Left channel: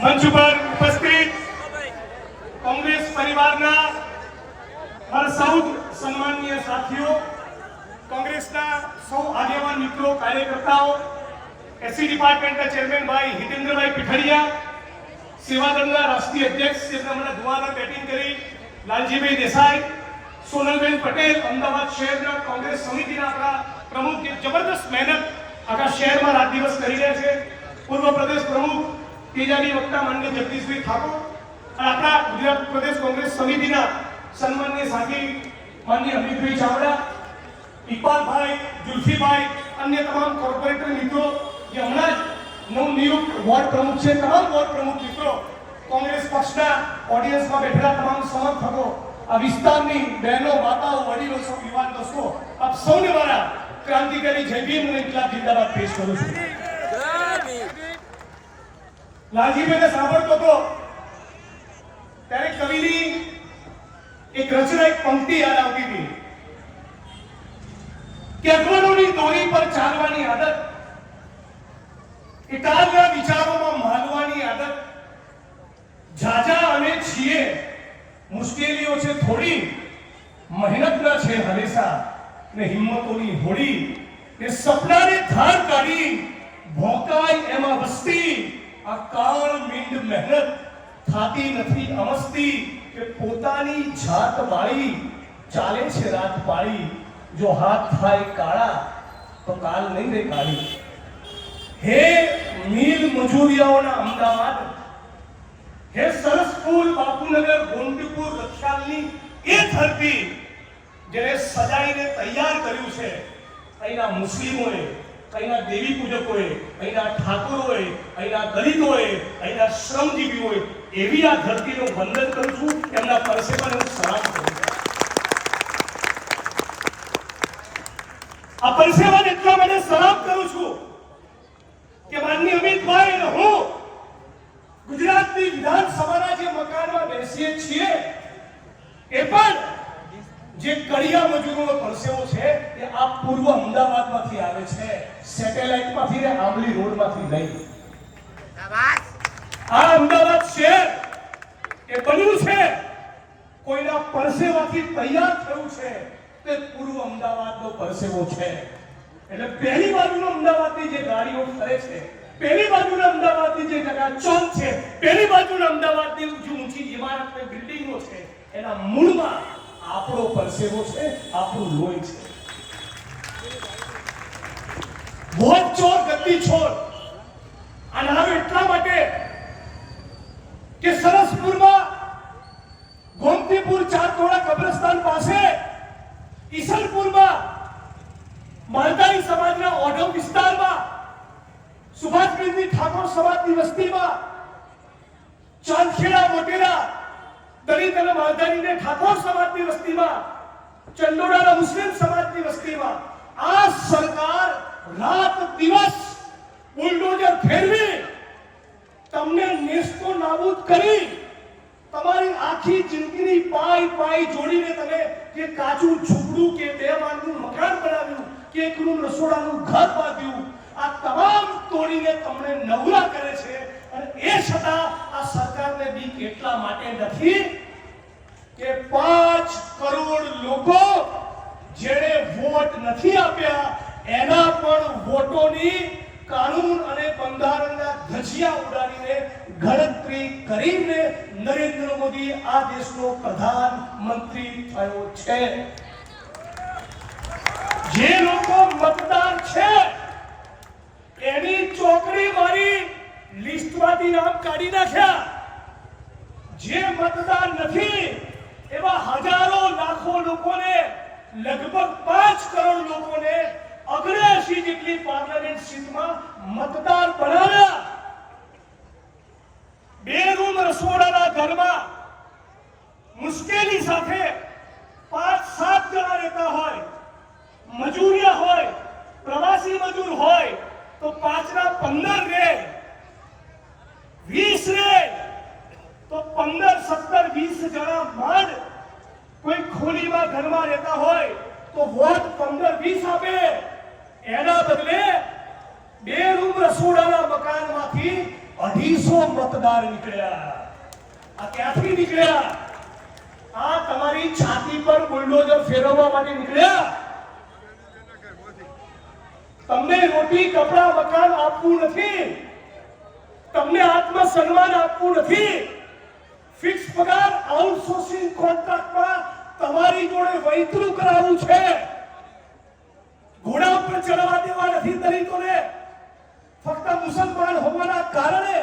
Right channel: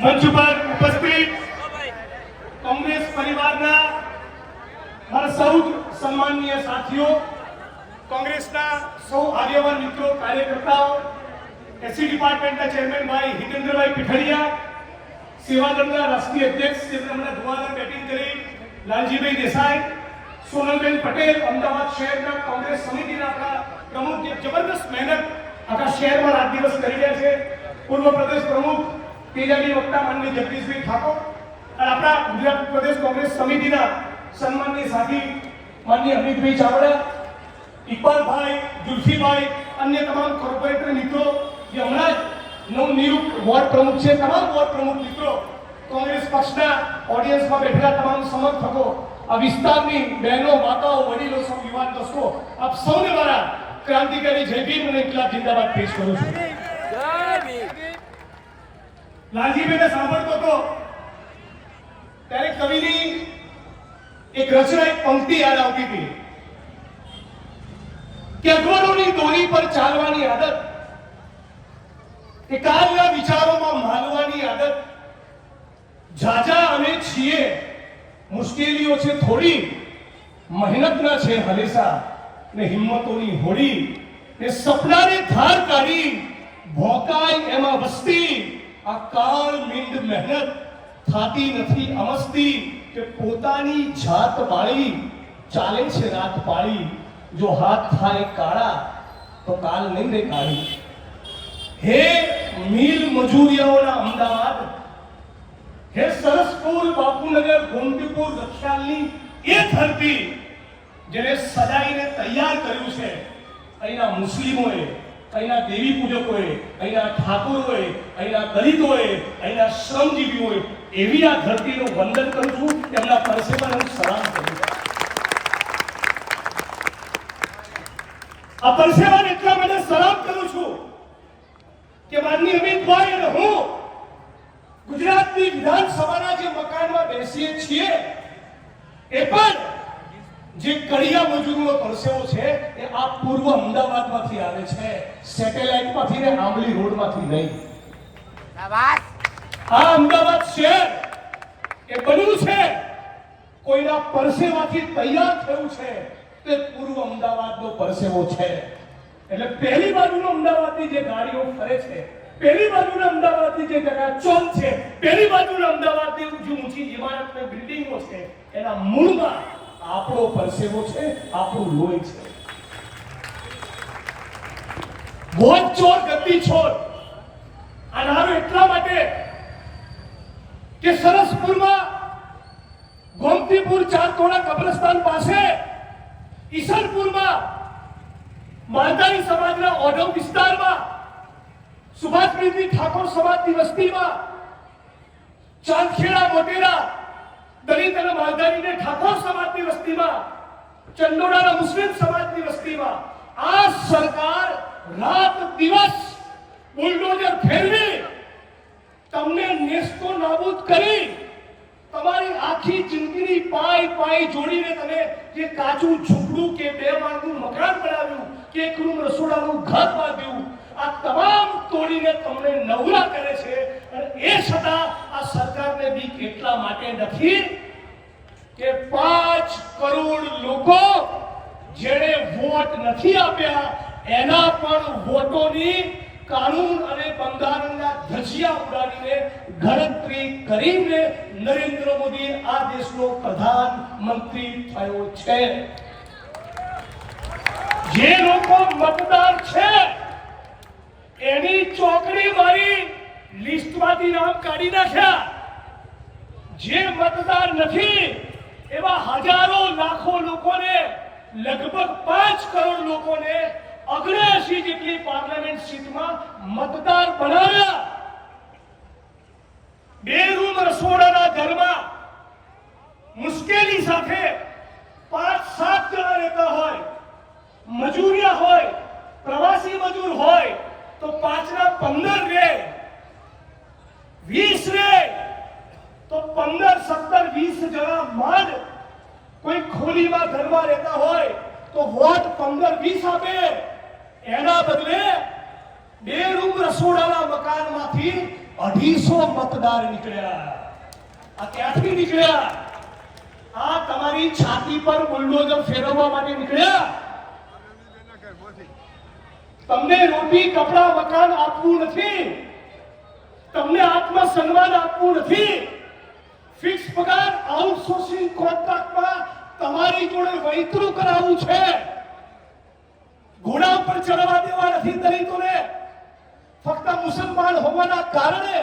મંચ પર ઉપસ્થિત કોંગ્રેસ પરિવારના મારા સૌ સન્માનીય સાથીઓ, કોંગ્રેસના સૌ આગેવાન મિત્રો, કાર્યકર્તાઓ, એસસી ડિપાર્ટમેન્ટના ચેરમેન ભાઈ હિતેન્દ્રભાઈ પીઠડિયા, સેવાદળના રાષ્ટ્રીય અધ્યક્ષ જેમને હમણાં ધુઆધાર બેટિંગ કરી લાલજીભાઈ દેસાઈ, સોનલબેન પટેલ, અમદાવાદ શહેરના કોંગ્રેસ સમિતિના આપણા પ્રમુખ જે જબરદસ્ત મહેનત આખા શહેરમાં રાત દિવસ કરી રહ્યા છે, પૂર્વ પ્રદેશ પ્રમુખ તેજાબી વક્તા માનનીય જગદીશભાઈ ઠાકોર અને આપણા ગુજરાત પ્રદેશ કોંગ્રેસ સમિતિના સન્માનીય સાથી માનનીય અમિતભાઈ ચાવડા, ઇકબાલભાઈ, જુલ્ફીભાઈ, અન્ય તમામ કોર્પોરેટર મિત્રો જે હમણાં જ નવનિયુક્ત વોર્ડ પ્રમુખ છે, તમામ વોર્ડ પ્રમુખ મિત્રો, કોંગ્રેસ પક્ષના ઓડિયન્સમાં બેઠેલા તમામ સમર્થકો, આ વિસ્તારની બહેનો, માતાઓ, વડીલો, સૌ યુવાન દોસ્તો, આપ સૌને મારા ક્રાંતિકારી જય ભીમ અને ઇન્કલાબ જિંદાબાદ પેશ કરું છું. લાલજીભાઈને સાંભળતો હતો ત્યારે કવિની એક રચના, એક પંક્તિ યાદ આવતી હતી કે અગવડોની દોરી પર ચાલવાની આદત, એકાદના વિચારોમાં માલવાની આદત, જાજા અમે છીએ, મુશ્કેલીઓ છે થોડી, મહેનતના છે હલેસા ને હિંમતોની હોડી, ને સપનાને ધાર કાઢી ભોકાય એમાં વસ્તી, આ કાળ મીંડ મહેનત થાતી નથી અમસ્તી, કે પોતાની જાત વાળી ચાલે છે રાત પાળી, જો હાથ થાય કાળા તો કાલ નહીં રે કાળી. હે મિલ મજૂરિયાઓના અમદાવાદ, હે સરસપુર, બાપુનગર, ગોમતીપુર, રક્ષાલની એ ધરતી જેને સજાઈને તૈયાર કર્યું છે અહીંના મુસ્લિમોએ, અહીંના દેવી પૂજકોએ, અહીંના ઠાકોરોએ, અહીંના દલિતોએ, અહીંના શ્રમજીવીઓએ, એવી આ ધરતીનું વંદન કરું છું, તેમના પરસેવાને હું સલામ કરું છું. આ પરસેવાને એટલા માટે સલામ કરું છું કે માનનીય અમિતભાઈ અને હું ગુજરાતની વિધાનસભાના જે મકાનમાં બેસીએ છીએ એ પણ જે કડિયા મજૂરોનો પરસેવો છે એ આ પૂર્વ અમદાવાદમાંથી આવે છે, સેટેલાઇટમાંથી ને આંબલી રોડમાંથી નહીં. આ અમદાવાદ શહેર એ બન્યું છે કોઈના પરસેવાથી તૈયાર થયું છે, તે પૂર્વ અમદાવાદનો પરસેવો છે. એટલે પહેલી બાજુનો અમદાવાદની જે ગાડીઓ ફરે છે, પહેલી બાજુના અમદાવાદની જે ચકાચોંધ છે, પહેલી બાજુના અમદાવાદની ઊંચી ઇમારત ને બિલ્ડિંગો છે, એના મૂળમાં આપણો પરસેવો છે, આપણું લોહી છે. વોટ ચોર ગતિ છોડ આનારો એટલા માટે કે સરસપુરમાં ગોમતીપુર ચારતોડા કબ્રસ્તાન પાસે, ઈસનપુરમાં માલધારી સમાજના ઓઢવ વિસ્તારમાં, સુભાષપ્રીતિ ઠાકોર સમાજની વસ્તીમાં, ચાંદખેડા, મોટેરા, દલિત અને માલધારીને ઠાકોર સમાજની વસ્તીમાં, ચંડોળાના મુસ્લિમ સમાજની વસ્તીમાં આ સરકાર રાત દિવસ બુલડોઝર ફેરવી તમને નેસ્તો નાબૂદ કરી, તમારી આખી જિંદગીની પાય પાય જોડીને તમે જે કાચું ઝૂંપડું કે બે માળનું મકાન બનાવ્યું કે એક રૂમ રસોડાનું ઘર બાંધ્યું, આ તમામ તોડીને તમને નવરા કરે છે. અને એ છતાં આ સરકારને બી એટલા માટે નથી કે 5 કરોડ લોકો જેણે વોટ નથી આપ્યા એના પણ વોટોની કાનૂન અને બંધારણના ધજિયા ઉડાડીને ગણતરી કરીને નરેન્દ્ર મોદી આ દેશનો પ્રધાનમંત્રી થયો છે. જે લોકો મતદાર છે એની ચોકડી મારી લિસ્ટમાંથી નામ કાઢી નાખ્યા, જે મતદાર નથી એવા હજારો લાખો લોકોને, લગભગ 5 કરોડ લોકોને 79 જેટલી પાર્લામેન્ટ સીટમાં મતદાર બનાવ્યા. 2 રૂમ રસોડાના ઘરમાં મુશ્કેલી સાથે 5-7 જણા રહેતા હોય, મજૂરિયા હોય, પ્રવાસી મજૂર હોય તો 5 ના 15 રહે, 20 રહે તો 15, 17, 20 જણા માંડ કોઈ ખોલીમાં ઘરમાં રહેતા હોય તો વોટ 15-20 આપે. એના બદલે 2 રૂમ રસોડાના મકાનમાંથી 250 મતદાર નીકળ્યા. આ ક્યાંથી નીકળ્યા? આ તમારી છાતી પર બુલડોઝર ફેરવવા માટે નીકળ્યા. તમને રોટી કપડા મકાન આપવું નથી, તમને આત્મસન્માન આપવું નથી, ફિક્સ પગાર આઉટસોર્સિંગ કોન્ટ્રાક્ટમાં તમારી જોડે વૈતરું કરાવવું છે, ઘોડા પર ચડવા દેવા નથી દલિતોને. ફક્ત મુસલમાન હોવાના કારણે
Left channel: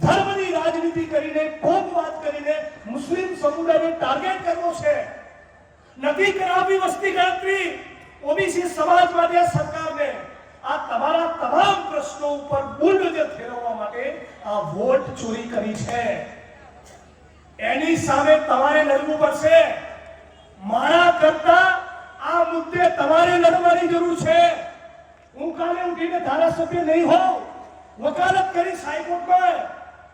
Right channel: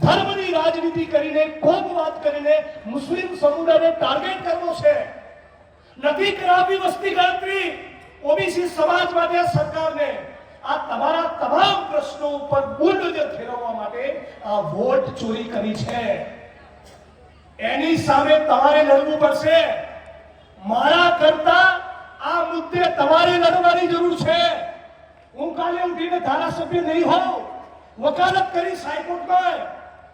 ધર્મની રાજનીતિ કરીને કોમવાદ કરીને મુસ્લિમ સમુદાયને ટાર્ગેટ કરવો છે. નથી કરાવવી વસ્તી ગણતરી ઓબીસી સમાજ માટે સરકારને. આ તમારા તમામ પ્રશ્નો ઉપર બુલડોઝર ફેરવવા માટે આ વોટ ચોરી કરી છે. એની સામે તમારે લડવું પડશે. મારા કરતા આ મુદ્દે તમારે લડવાની જરૂર છે. હું કાલે ઉઠીને ધારાસભ્ય નહીં હોઉં, વકાલત કરી હાઈકોર્ટમાં,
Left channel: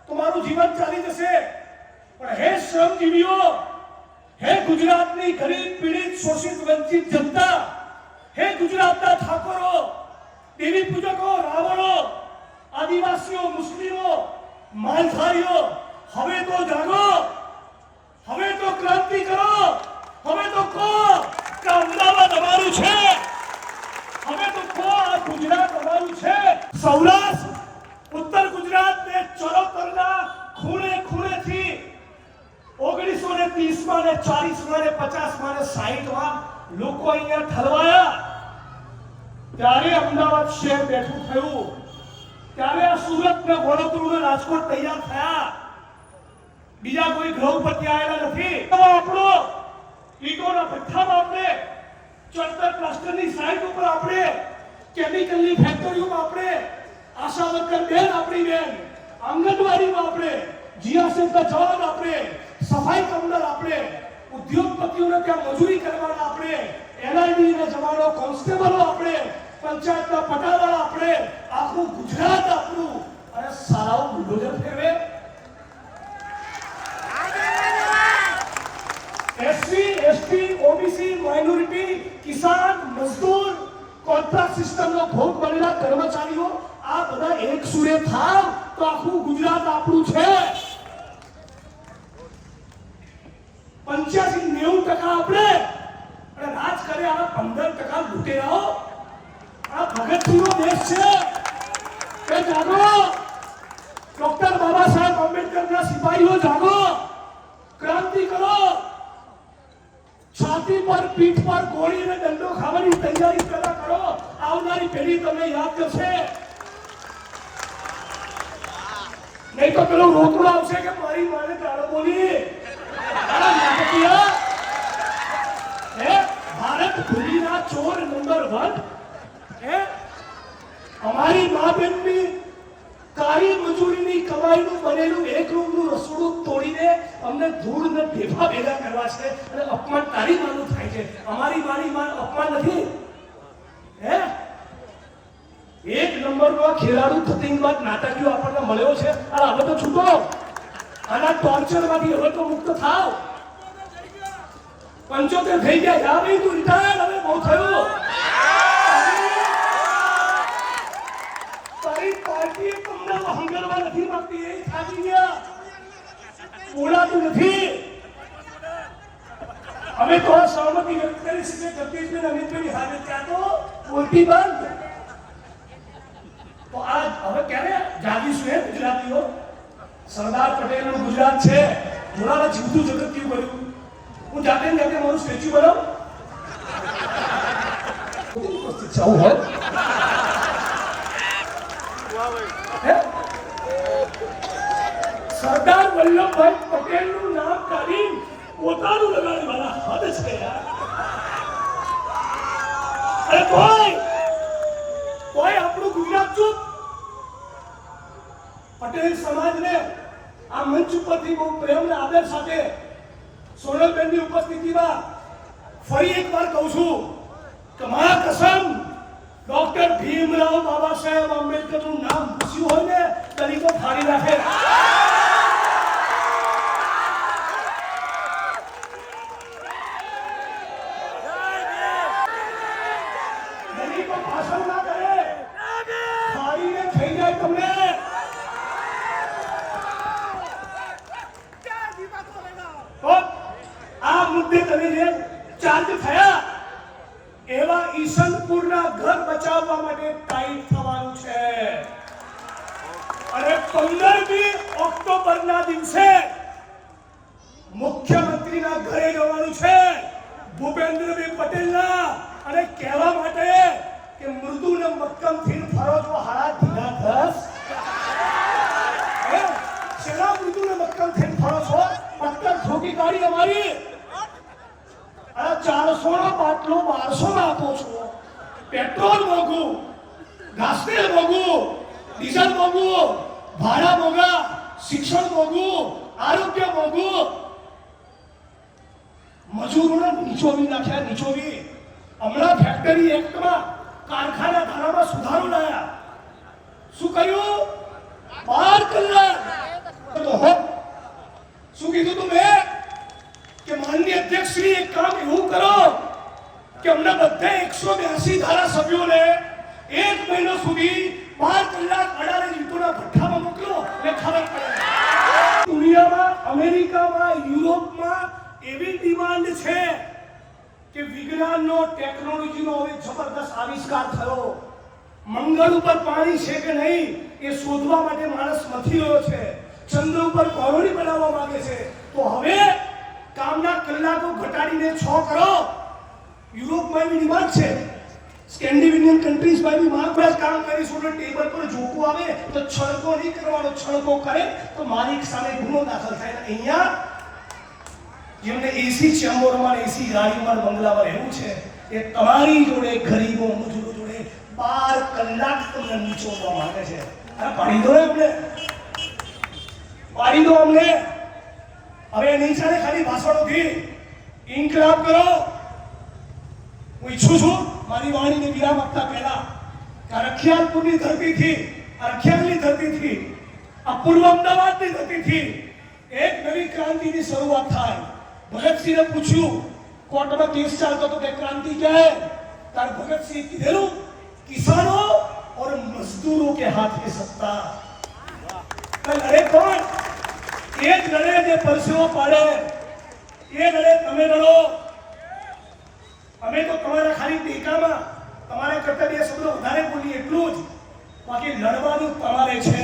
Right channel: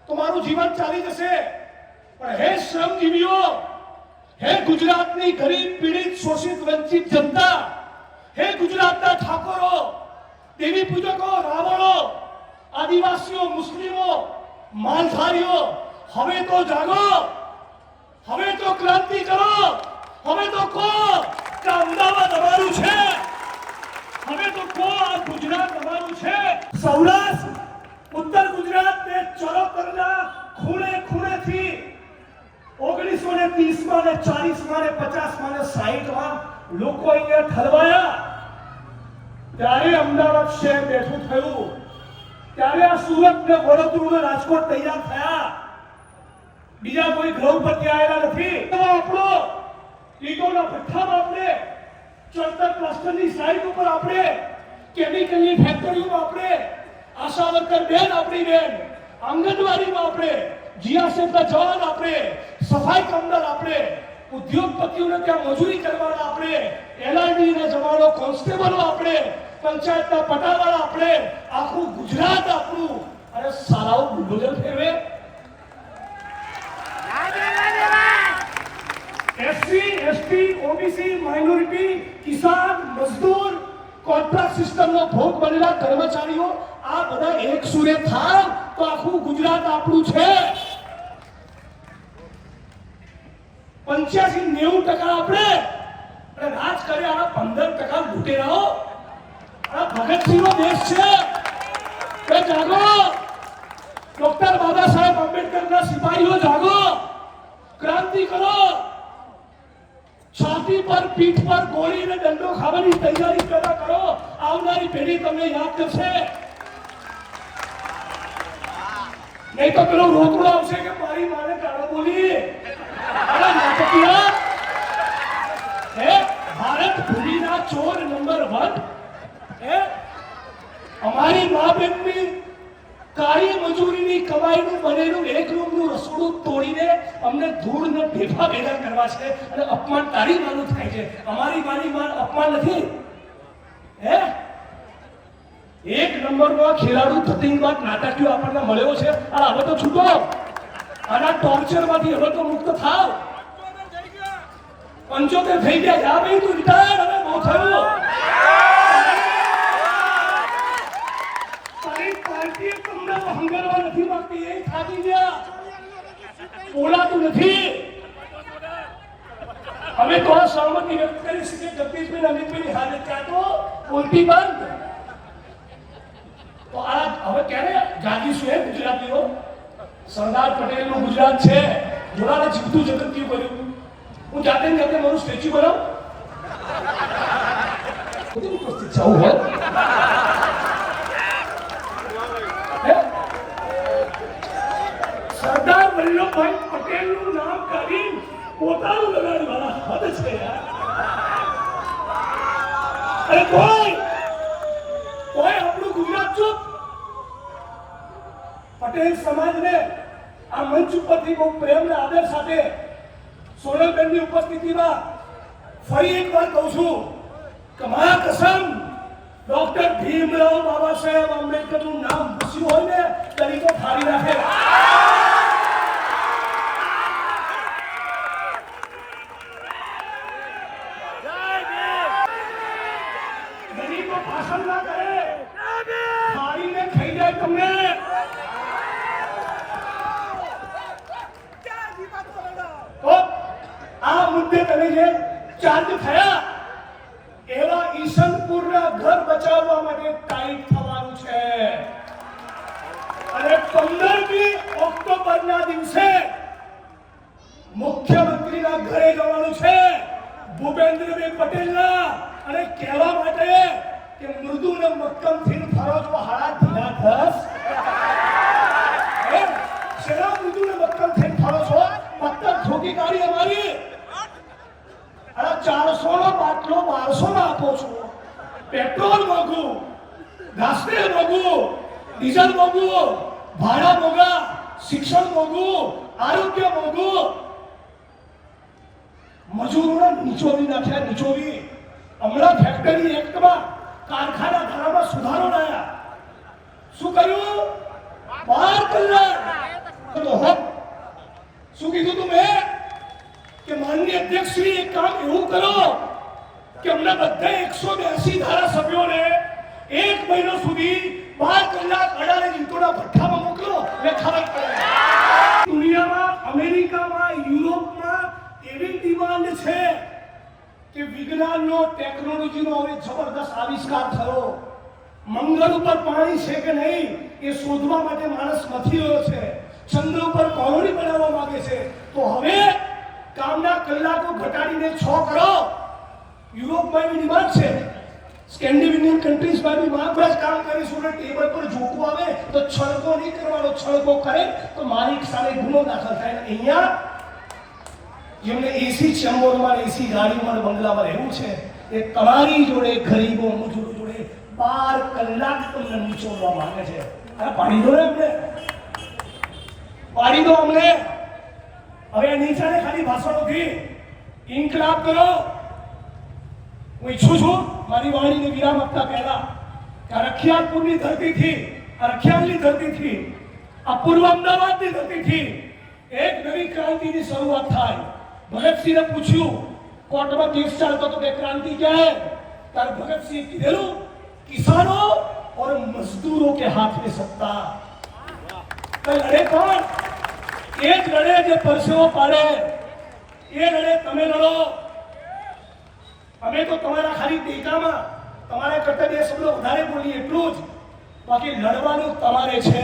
તો મારું જીવન ચાલી જશે. પણ હે શ્રમજીવીઓ, હે ગુજરાતની ગરીબ પીડિત શોષિત વંચિત જનતા, હે ગુજરાતના ઠાકોરો, દેવી પૂજકો, રાવણો, આદિવાસીઓ, મુસ્લિમો, માલધારીઓ, હવે તો જાગો, હવે તો ક્રાંતિ કરો, હવે તો કહો કે અમદાવાદ અમારું છે, હવે તો કહો આ ગુજરાત અમારું છે. સૌરાષ્ટ્ર, ઉત્તર ગુજરાત ને ચરોતરના ખૂણે ખૂણેથી 1930માં ને 40માં ને 50માં ને 60માં લોકો અહીંયા ઠલવાયા. ત્યારે અમદાવાદ શહેર બેઠું થયું, ત્યારે આ સુરત ને વડોદરા ને રાજકોટ તૈયાર થયા. બીજા કોઈ ગ્રહ પરથી આવેલા નથી. આપણો ઈટોના ભઠ્ઠામાં આપણે, ચણતર પ્લાસ્ટરની સાઈડ ઉપર આપણે, કેમિકલની ફેક્ટરીઓમાં આપણે, આશા વર્કર બેન આપણી બેન, આંગણવાડીમાં આપણે, જીઆરસેફના જવાન આપણે, સફાઈ કામદાર આપણે, ઉદ્યોગપતિઓને ત્યાં મજૂરી કરવાના આપણે, એલઆઈડી ના જવાનો, કોન્સ્ટેબલો આપણે, પંચાયતના પટાવાળા આપણે, આખું ગુજરાત આપણું. અને સારાઓ બુલડોઝર ફેરવે. એસસી, એસટી, ઓબીસી, માઇનોરિટી, કિસાન, મજદૂર, કોન્ટ્રાક્ટ સિસ્ટમનો ભોગ બનેલા કર્મચારીઓ, આ બધા એક સુરે થાવ તો આખું ગુજરાત આપણું છે. 85-90% આપણે, અને રાજ કરે આના 15% લૂંટેરાઓ. આ ભગતસિંહનો દેશ છે. એ જાગો, ડોક્ટર બાબા સાહેબ આંબેડકરના સિપાહીઓ જાગો, ક્રાંતિ કરો. છાતી પર, પીઠ પર ગોળીને દંડો ખાવાની તૈયારી પેદા કરો. આવનારી પેઢી તમને યાદ કરશે. નહીં તો પેલું રોકડું આવશે કે મારી માને ગાળો બોલી. ભારત ભૂમિના ચોર નંબર 1. અમારી મા બહેનની કાળી મજૂરીની કમાઈનું બનેલું એક રૂમનું રસોડું તોડીને અમને ધૂળ ને ભેગા કરવા છે, અને અપમાન તારી માનું થાય છે. અમારી માની માન અપમાન નથી. એક નંબરનો ખેલાડુ ધતિંગબાદ નાટકીય આપણને મળ્યો છે. અને હવે તો છૂટો, આના ટોર્ચરમાંથી હવે તો મુક્ત થાવ. 75 થઈ ગયા, જા ભાઈ તું રિટાયર, હવે બહુ થયું. તારી પાર્ટી તમને હંગરવા નથી માંગતી, એ થાકી ગયા, બોલાતું નથી. અમે તો સહમતિ વ્યક્ત કરી શકીએ. જગદીશભાઈ, અમિતભાઈ હાજર ત્યાં તો બોલતી બંધ. તો આ હવે ક્યારે જાગીશું? એ ગુજરાતીઓ, સરદાર પટેલનું ગુજરાત છે. જોડાને જીવતું જગત કેવું કર્યું. હું જાતે મારું સ્ટેચ્યુ બનાવું ઉપસ્થિત આવું હોય. સરદાર વલ્લભભાઈ પટેલનું નામ કાઢી પોતાનું લગાડી વાળા હદ છે યાર. અરે કોઈ આપણું ગુજરાત ચૂપ. પટેલ સમાજને આ મંચ ઉપરથી બહુ પ્રેમ અને આદર સાથે સોનલબેનની ઉપસ્થિતિમાં ફરી એકવાર કહું છું કે મારા કસમ, ડોક્ટર ભીમરાવ બાબા સાહેબ આંબેડકરનું નામ પૂછ્યું હોય ને દલિતો ફાડી નાખે. દલિતો પાછળ ના કરે, ફાડીને થઈ જાય તમને. ડિસ્ચાર્જ થયા એવા ઈશનપુરના ઘર બચાવવા માટે ટાઈટ થવાનું છે અને 15મી ઓક્ટોબરના દિવસે મુખ્યમંત્રીના ઘરે જવાનું છે ભૂપેન્દ્રભાઈ પટેલના અને કહેવા માટે કે મૃદુ ને મક્કમ થઈને ફરો છો હાડા ઢીલા થસ ચલો મૃદુ ને મક્કમ થઈને ફરો છો પત્તર ઠોકી કાઢી અમારી અને 400 નો બાટલો 1200 માં આપો છો પેટ્રોલ મોંઘું ઘાસતેલ મોંઘું ડીઝલ મોંઘું ભાડા મોંઘા શિક્ષણ મોંઘું આરોગ્ય મોંઘું મજૂરોને નીચોવી નાખ્યા નીચોવી હમણાં ફેક્ટરી એક્ટમાં કારખાના ધારામાં સુધારો લાયા શું કર્યું 12 કલાક શું કીધું તું મેં કે માનનીય અધ્યક્ષ શ્રી એક કામ એવું કરો કે હમણાં બધા 182 ધારાસભ્યોને 1 મહિનો સુધી 12 કલાક અડાલે જીતોના ભઠ્ઠામાં મોકલો એટલે ખબર પડે દુનિયામાં અમેરિકામાં યુરોપમાં એવી ડિમાન્ડ છે કે વિજ્ઞાનનો ટેકનોલોજીનો હવે જબરદસ્ત આવિષ્કાર થયો મંગળ ઉપર પાણી છે કે નહીં એ શોધવા માટે માણસ મથી રહ્યો છે ચંદ્ર ઉપર કોલોની બનાવવા માંગે છે તો હવે કામના કલાકો ઘટાડીને 6 કરો યુરોપમાં એવી ડિમાન્ડ છે સ્કેન્ડિનેવિયન કન્ટ્રીઝમાં બી માંગબ્રાસ કામ કરીશું ને ટેબલ પર ઝૂકવું આવે તો છળકો નહીં કરવાનો છળકો કરે તો માલિક સામે ગુનો દાખલ થાય અહીંયા એમને એસી ચેમ્બરમાં એસી ગાડીમાં બંગલામાં રહેવું છે એ તમારી જોડે ગરીબો મજૂરો જોડે 12 કલાક તમને નીચોડવા માંગે છે અરે પાડી દો અમને પાડી દો અમને હવે નહીં ચાલે ખાલી ભાષણોથી ઇન્કલાબ કરો હું ઈચ્છું છું મારી વાણીને વિરામ આપતા પહેલા આ રખિયાલપુરની ધરતીથી આ રખિયાલની ધરતીથી આ પૂર્વ અમદાવાદની ધરતીથી એક નવી ક્રાંતિની શરૂઆત થાય ભગતસિંહને પૂછ્યું કોર્ટમાં કેસ ચાલતો તો કે क्रांति क्या है तार भगत सिंह કીધેલું किसानों और मजदूरों के हाथ में सत्ता लड़े कौन એ જ લડે જે પરસેવો પાડે એ લડે તમે લડો અમે તો તમારા ખાલી ટેકામાં તમારા કરતા બે શબ્દો વધારે બોલીએ એટલું જ બાકી લડવાનું તમારે છે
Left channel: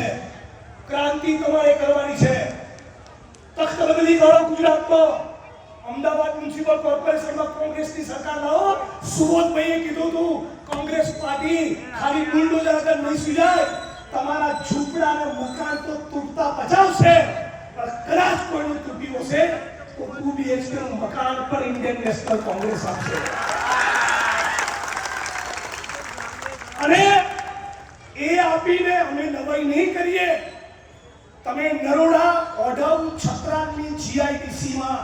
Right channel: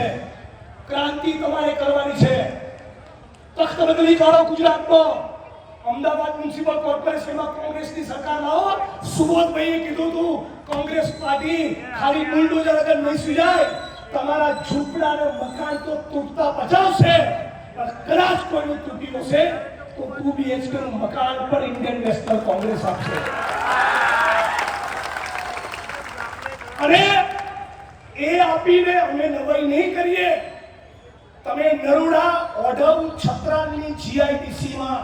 ક્રાંતિ તમારે કરવાની છે તખ્ત બદલી કરો ગુજરાતમાં અમદાવાદ મ્યુનિસિપલ કોર્પોરેશનમાં કોંગ્રેસની સરકાર લાવો સુબોધભાઈએ કીધું હતું કોંગ્રેસ પાર્ટી ખાલી બુલડોઝર આગળ નહીં સુજાય તમારા ઝૂંપડા અને મકાન તો તૂટતા બચાવશે પણ કદાચ કોઈનું તૂટ્યું હશે તો 2 BHK નું મકાન પર ઇન્ડિયન નેશનલ કોંગ્રેસ આપશે અને એ આપીને અમે નવાઈ નહીં કરીએ તમે નરોડા ઓઢવ છત્રાલની GIDC માં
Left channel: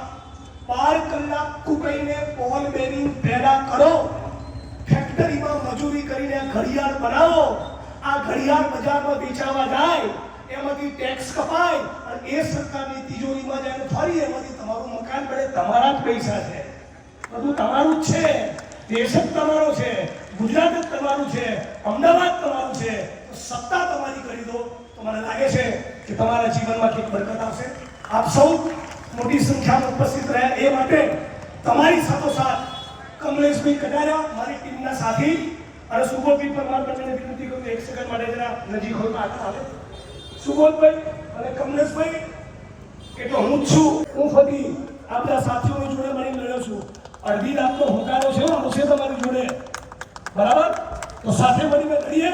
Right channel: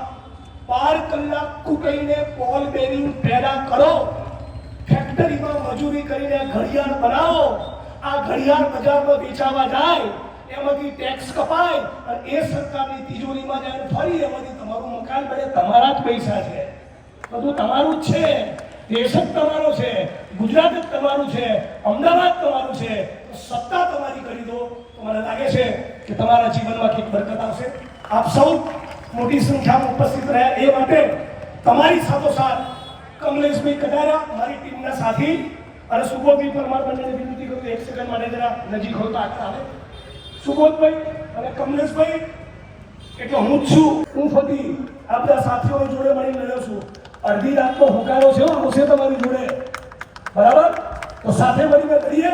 12 કલાક કૂકઈને બોલ બેરિંગ પેદા કરો ફેક્ટરીમાં મજૂરી કરીને ઘડિયાળ બનાવો આ ઘડિયાળ બજારમાં વેચાવા જાય એમાંથી ટેક્સ કપાય અને એ સરકારની તિજોરીમાં જાય ફરી એમાંથી તમારું મકાન બને તમારા જ પૈસા છે બધું તમારું જ છે દેશ જ તમારો છે ગુજરાત જ તમારું છે અમદાવાદ તમારું છે સત્તા તમારી કરી દો તો મને લાગે છે કે તમારા જીવનમાં કંઈક બરકત આવશે આપ સૌ મોટી સંખ્યામાં ઉપસ્થિત રહ્યા એ માટે તમારી સાથોસાથ કમલેશભાઈ કટારા મારી ટીમના સાથી અને સુબોધભાઈ પરમાર બંનેને વિનંતી કરું 1 સેકન્ડ માટે જરા નજીક હોય તો આગળ આવે સુબોધભાઈ અને કમલેશભાઈ એટલે હું જ છું હું ફકી આપણા સાથીઓની જોડે મળીને લડ્યો છું અડધી રાત તો હોકારો છે આવશે તમારી જોડે બરાબર તો સાથે મળીને લડીએ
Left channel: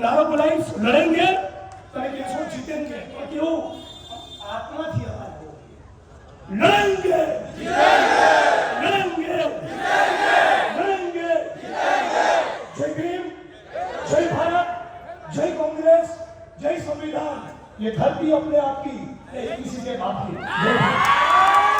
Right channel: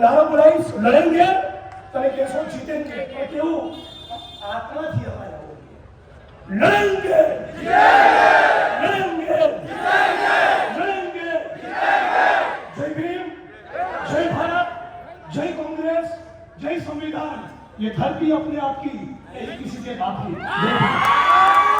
નારો બોલાવીશ લડેંગે તમે કહેશો જીતેંગે તો કેવું આત્માથી અવાજ लड़ेंगे लड़ेंगे लड़ेंगे जय भीम जय भारत जय कांग्रेस जय संविधान ये धरती अपने आप की किसी के बाप की